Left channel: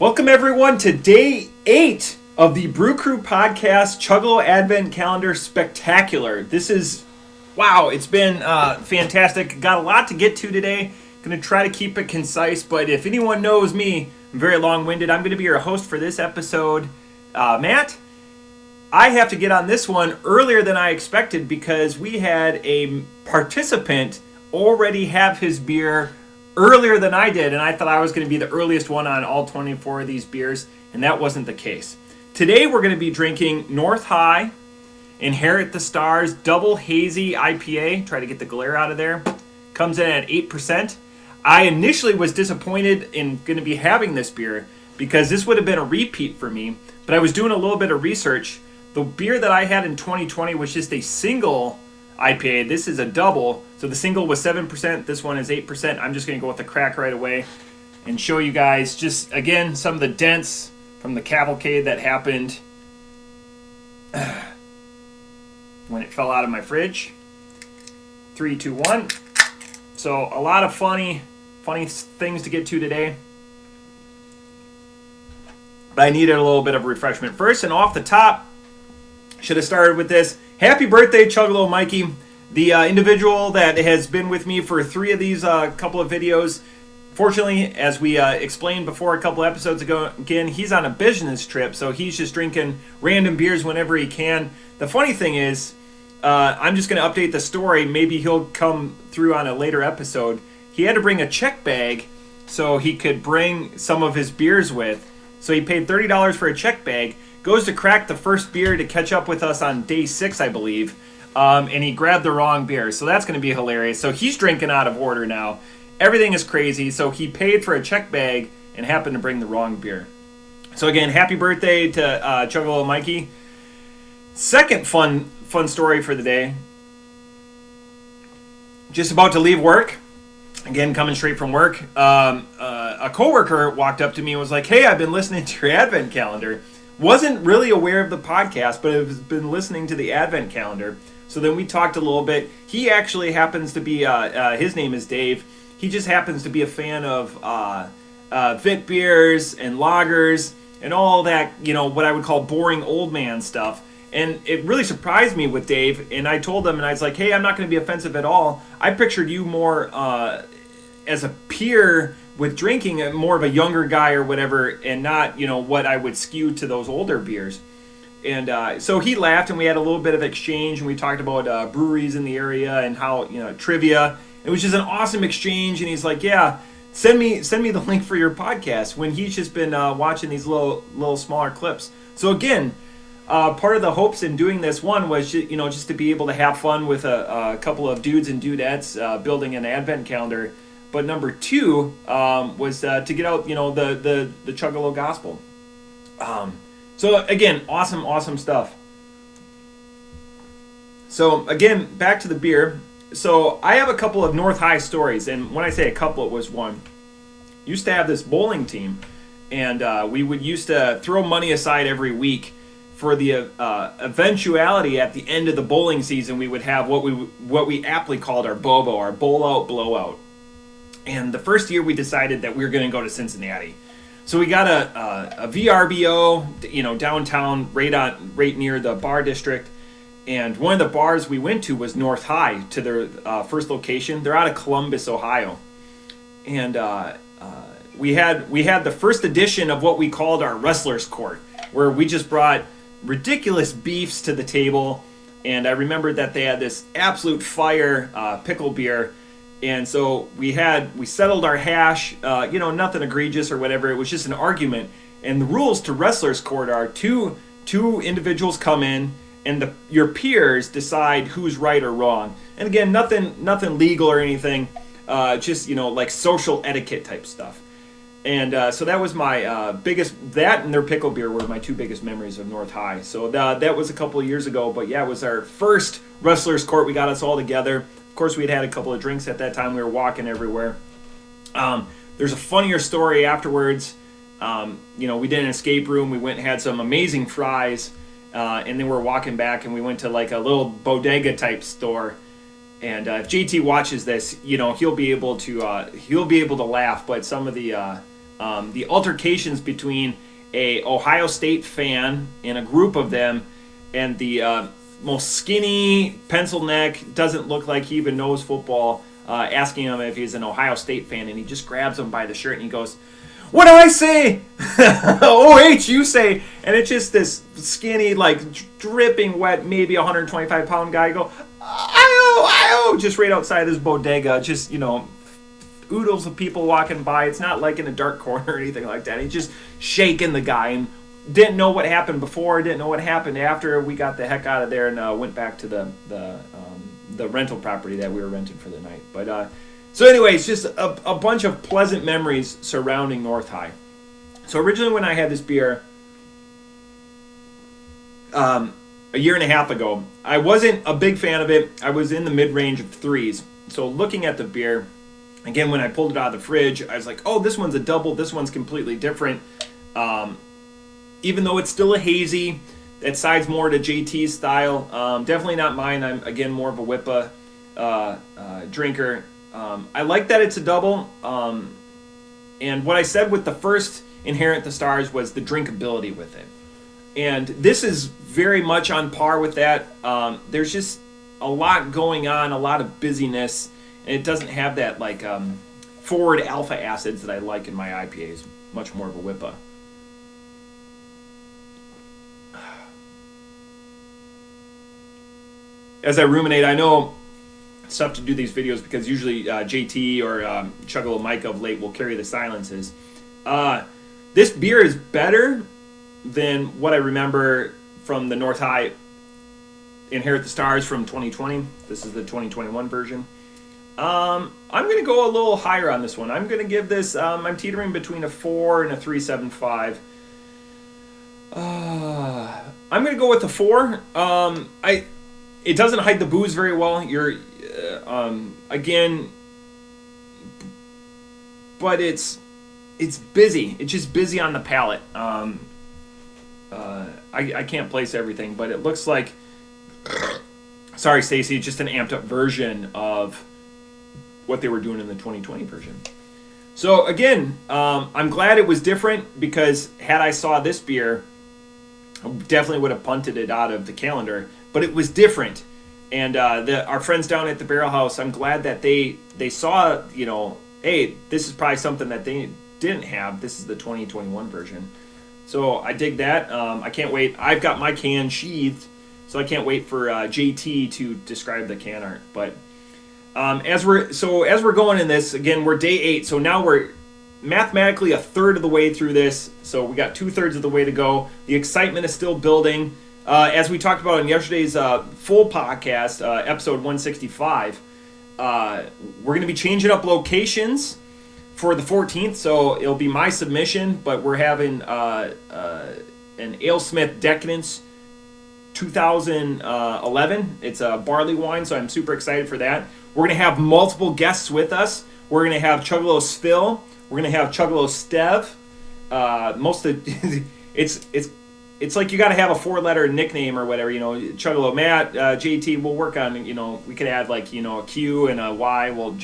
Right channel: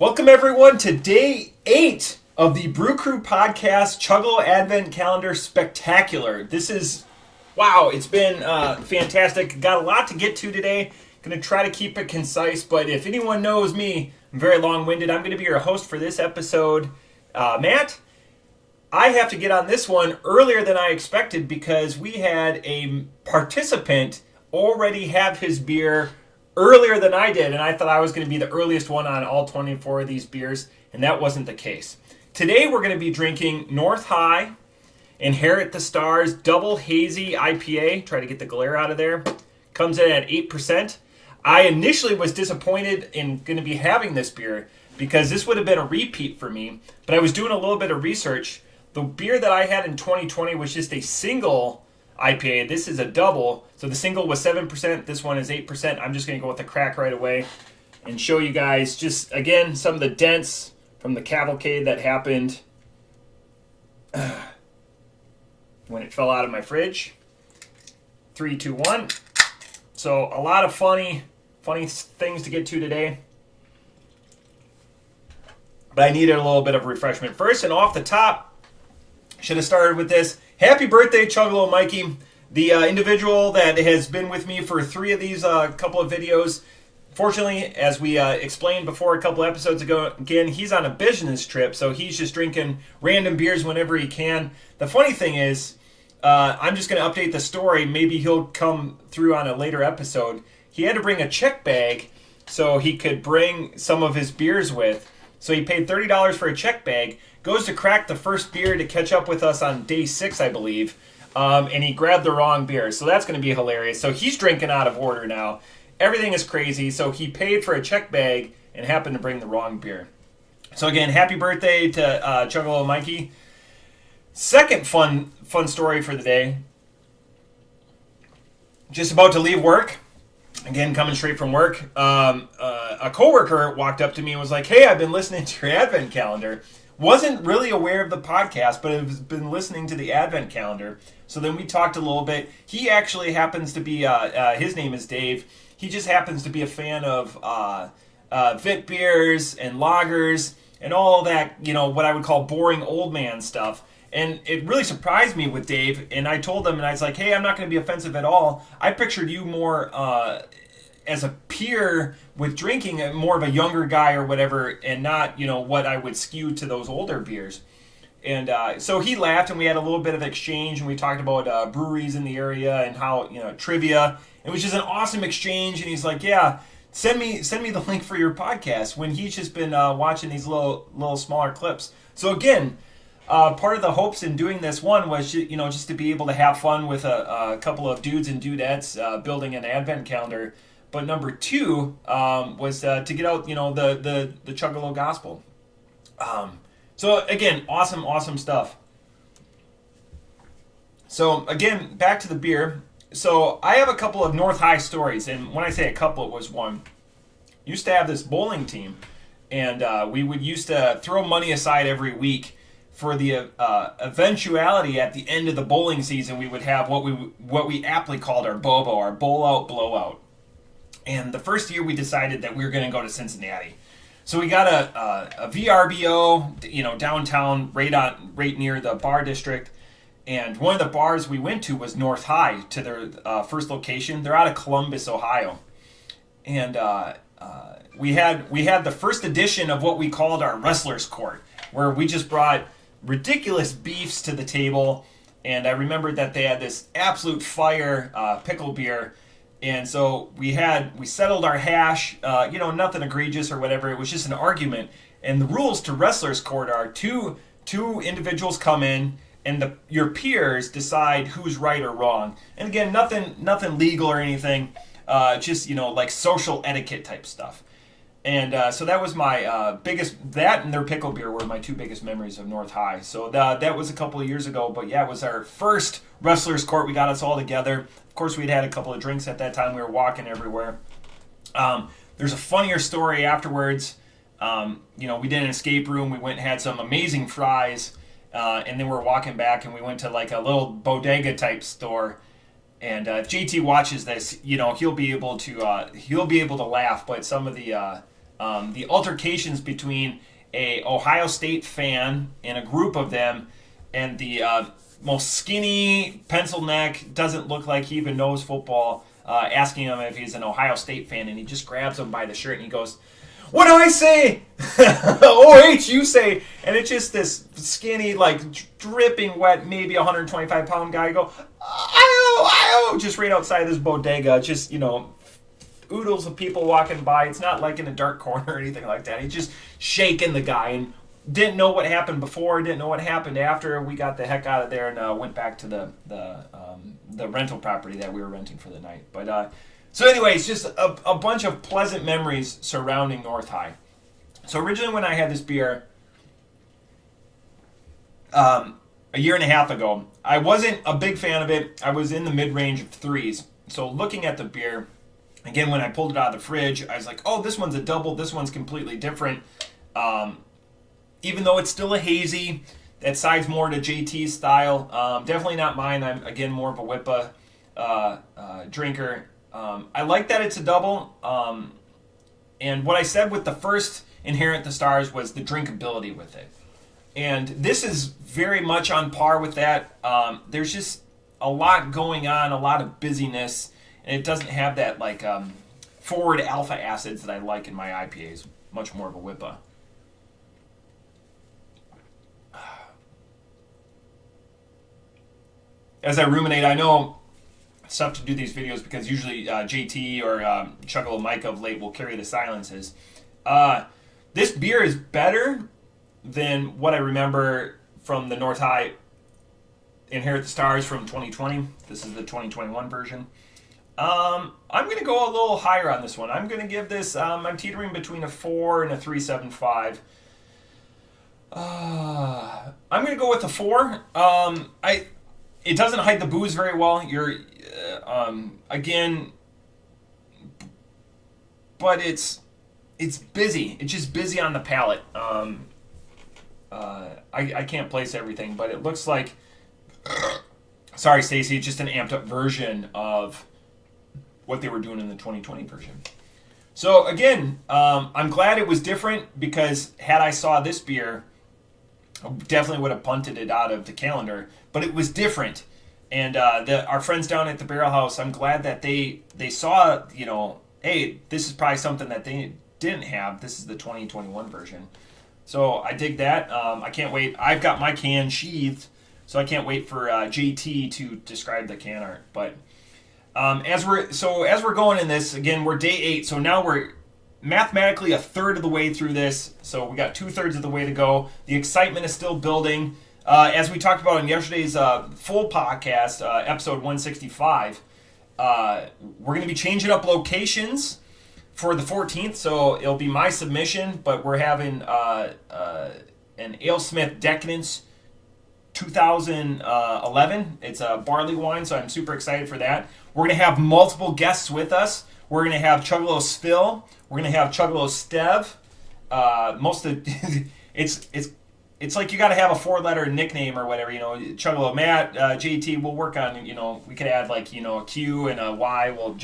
Welcome everyone to day 8 of the Brew Crew podcast Chuggalo Advent Calendar Spectacular. Wow, it's been fantastic. Got a lot to get to today. Going to try to keep it concise, but if anyone knows me, I'm very long-winded. I'm going to be your host for this episode. Matt, I have to get on this one earlier than I expected because we had a participant already have his beer earlier than I did, and I thought I was going to be the earliest one on all 24 of these beers, and that wasn't the case. Today we're going to be drinking North High Inherit the Stars Double Hazy IPA. Try to get the glare out of there. Comes in at 8%. I initially was disappointed in going to be having this beer because this would have been a repeat for me, but I was doing a little bit of research. The beer that I had in 2020 was just a single IPA. This is a double. So the single was 7%. This one is 8%. I'm just going to go with the crack right away and show you guys just, again, some of the dents from the cavalcade that happened when it fell out of my fridge. 3, 2, 1. So a lot of funny things to get to today. But I needed a little bit of refreshment first. And off the top, should have started with this. Happy birthday, Chuggalo Mikey. The individual that has been with me for 3 of these couple of videos. Fortunately, as we explained before a couple episodes ago, again, he's on a business trip, so he's just drinking random beers whenever he can. The funny thing is, I'm just going to update the story. Maybe he'll come through on a later episode. He had to bring a check bag so he could bring some of his beers with. So he paid $30 for a check bag. Goes to crack the first beer to catch up with us on day 6, I believe. And he grabbed the wrong beer. So that's going to be hilarious. So he's drinking out of order now. Everything is crazy. So he paid for a check bag and happened to bring the wrong beer. So again, happy birthday to Chuggalo Mikey. Second fun story for the day. Just about to leave work. Again, coming straight from work. A coworker walked up to me and was like, "Hey, I've been listening to your Advent calendar." Wasn't really aware of the podcast, but have been listening to the Advent calendar. So then we talked a little bit. He actually happens to be, his name is Dave. He just happens to be a fan of Vit beers and lagers and all that, what I would call boring old man stuff. And it really surprised me with Dave. And I told him, and I was like, "Hey, I'm not going to be offensive at all. I pictured you more as a peer with drinking, more of a younger guy or whatever, and not, what I would skew to those older beers." And so he laughed, and we had a little bit of exchange, and we talked about breweries in the area and how, trivia. It was just an awesome exchange, and he's like, "Yeah, send me the link for your podcast," when he's just been watching these little smaller clips. So again, part of the hopes in doing this one was, just to be able to have fun with a couple of dudes and dudettes building an Advent calendar. But number 2 was to get out, the Chuggalo gospel. So again, awesome stuff. So again, back to the beer. So I have a couple of North High stories, and when I say a couple, it was one. Used to have this bowling team, and we would used to throw money aside every week for the eventuality at the end of the bowling season. We would have what we aptly called our BOBO, our bowl out blowout. And the first year we decided that we were going to go to Cincinnati. So we got a VRBO, downtown, right near the bar district. And one of the bars we went to was North High, to their first location. They're out of Columbus, Ohio. And we had the first edition of what we called our Wrestler's Court, where we just brought ridiculous beefs to the table. And I remembered that they had this absolute fire pickle beer. And so we settled our hash, nothing egregious or whatever. It was just an argument. And the rules to Wrestler's Court are two individuals come in, and your peers decide who's right or wrong. And again, nothing legal or anything, just like social etiquette type stuff. And so that was my that and their pickle beer were my 2 biggest memories of North High. So that was a couple of years ago, but yeah, it was our first Wrestler's Court. We got us all together. Of course, we had a couple of drinks at that time. We were walking everywhere. There's a funnier story afterwards. We did an escape room. We went and had some amazing fries, and then we're walking back, and we went to like a little bodega type store. And if JT watches this, he'll be able to laugh. But some of the the altercations between a Ohio State fan and a group of them, and the most skinny, pencil neck, doesn't look like he even knows football, asking him if he's an Ohio State fan, and he just grabs him by the shirt and he goes, "What do I say?" "OH, you say." And it's just this skinny, like dripping wet, maybe 125-pound guy go, "Ayo, ayo," just right outside his bodega. Just, oodles of people walking by. It's not like in a dark corner or anything like that. He's just shaking the guy and didn't know what happened before, didn't know what happened after. We got the heck out of there and went back to the rental property that we were renting for the night. But so anyways, just a bunch of pleasant memories surrounding North High. So originally when I had this beer a year and a half ago, I wasn't a big fan of it. I was in the mid-range of 3s. So looking at the beer, again, when I pulled it out of the fridge, I was like, oh, this one's a double. This one's completely different. Even though it's still a hazy, that sides more to JT's style. Definitely not mine. I'm, again, more of a whippa drinker. I like that it's a double. And what I said with the first Inherent the Stars was the drinkability with it. And this is very much on par with that. There's just a lot going on, a lot of busyness, and it doesn't have that like forward alpha acids that I like in my IPAs. Much more of a whippa. As I ruminate, I know it's tough to do these videos because usually JT or Chuggalo Mike of late will carry the silences. This beer is better than what I remember from the North High Inherit the Stars from 2020. This is the 2021 version. I'm going to go a little higher on this one. I'm going to give this, I'm teetering between a 4 and a 3.75. I'm going to go with a 4. It doesn't hide the booze very well. You're, again, but it's busy. It's just busy on the palate. I can't place everything, but it looks like, sorry, Stacy, it's just an amped up version of what they were doing in the 2020 version. So again, I'm glad it was different because had I saw this beer, I definitely would have punted it out of the calendar. But it was different, and our friends down at the Barrel House, I'm glad that they saw, hey, this is probably something that they didn't have. This is the 2021 version. So I dig that. I can't wait. I've got my can sheathed, so I can't wait for JT to describe the can art. But as we're going in this, again, we're day 8, so now we're mathematically a third of the way through this. So we got 2/3 of the way to go. The excitement is still building. As we talked about in yesterday's full podcast, episode 165, we're going to be changing up locations for the 14th, so it'll be my submission, but we're having an AleSmith Decadence 2011. It's a barley wine, so I'm super excited for that. We're going to have multiple guests with us. We're going to have Chuggalos Phil. We're going to have Chuggalos Stev. It's like you got to have a 4-letter nickname or whatever, Chuggalo Matt, JT, we'll work on, we could add like, a Q and a Y. Well,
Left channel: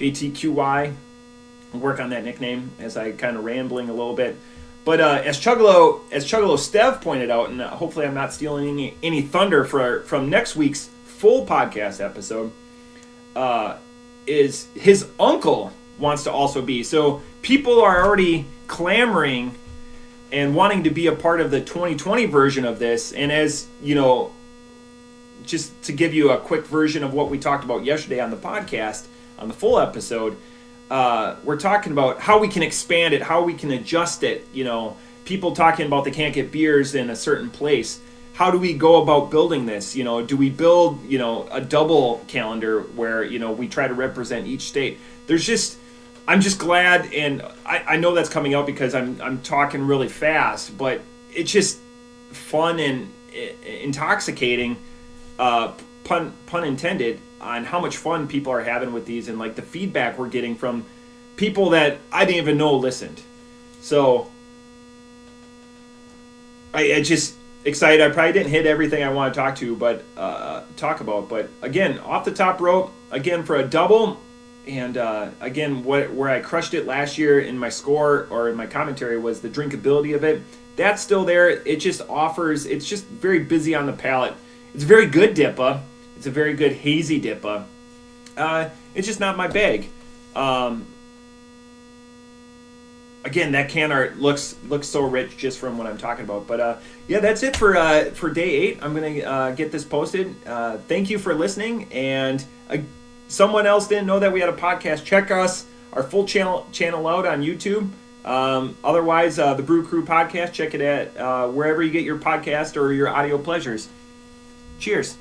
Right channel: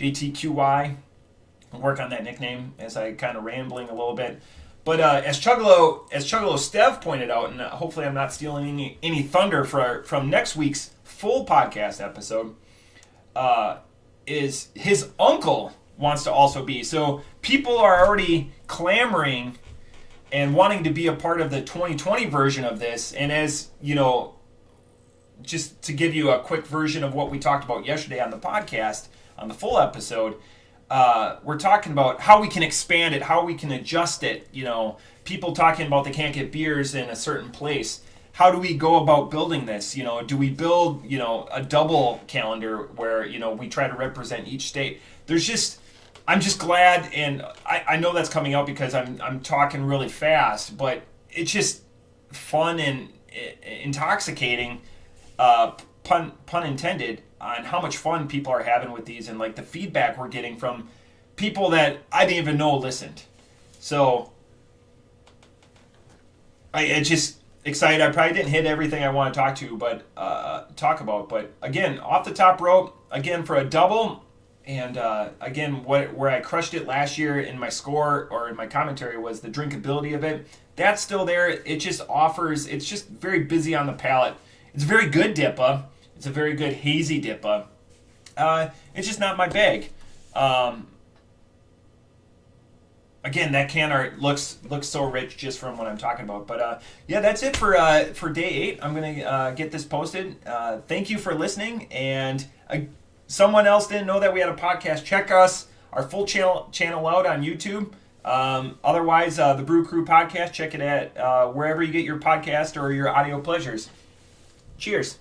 JTQY, we'll work on that nickname as I kind of rambling a little bit. But as Chuggalo Stev pointed out, and hopefully I'm not stealing any thunder from next week's full podcast episode, is his uncle wants to also be. So people are already clamoring and wanting to be a part of the 2020 version of this. And as, just to give you a quick version of what we talked about yesterday on the podcast, on the full episode, we're talking about how we can expand it, how we can adjust it. People talking about they can't get beers in a certain place. How do we go about building this? Do we build, a double calendar where, we try to represent each state? I'm just glad, and I know that's coming out because I'm talking really fast, but it's just fun and intoxicating, pun intended, on how much fun people are having with these and like the feedback we're getting from people that I didn't even know listened. So I just excited. I probably didn't hit everything I want to talk about, but again, off the top rope, again for a double. And again, where I crushed it last year in my score or in my commentary was the drinkability of it. That's still there. It just offers. It's just very busy on the palate. It's a very good dippa. It's a very good hazy dippa. It's just not my bag. Again, that can art looks so rich just from what I'm talking about. But yeah, that's it for day 8. I'm gonna get this posted. Thank you for listening. And someone else didn't know that we had a podcast. Check our full channel out on YouTube. Otherwise, the Brew Crew podcast. Check it at wherever you get your podcast or your audio pleasures. Cheers.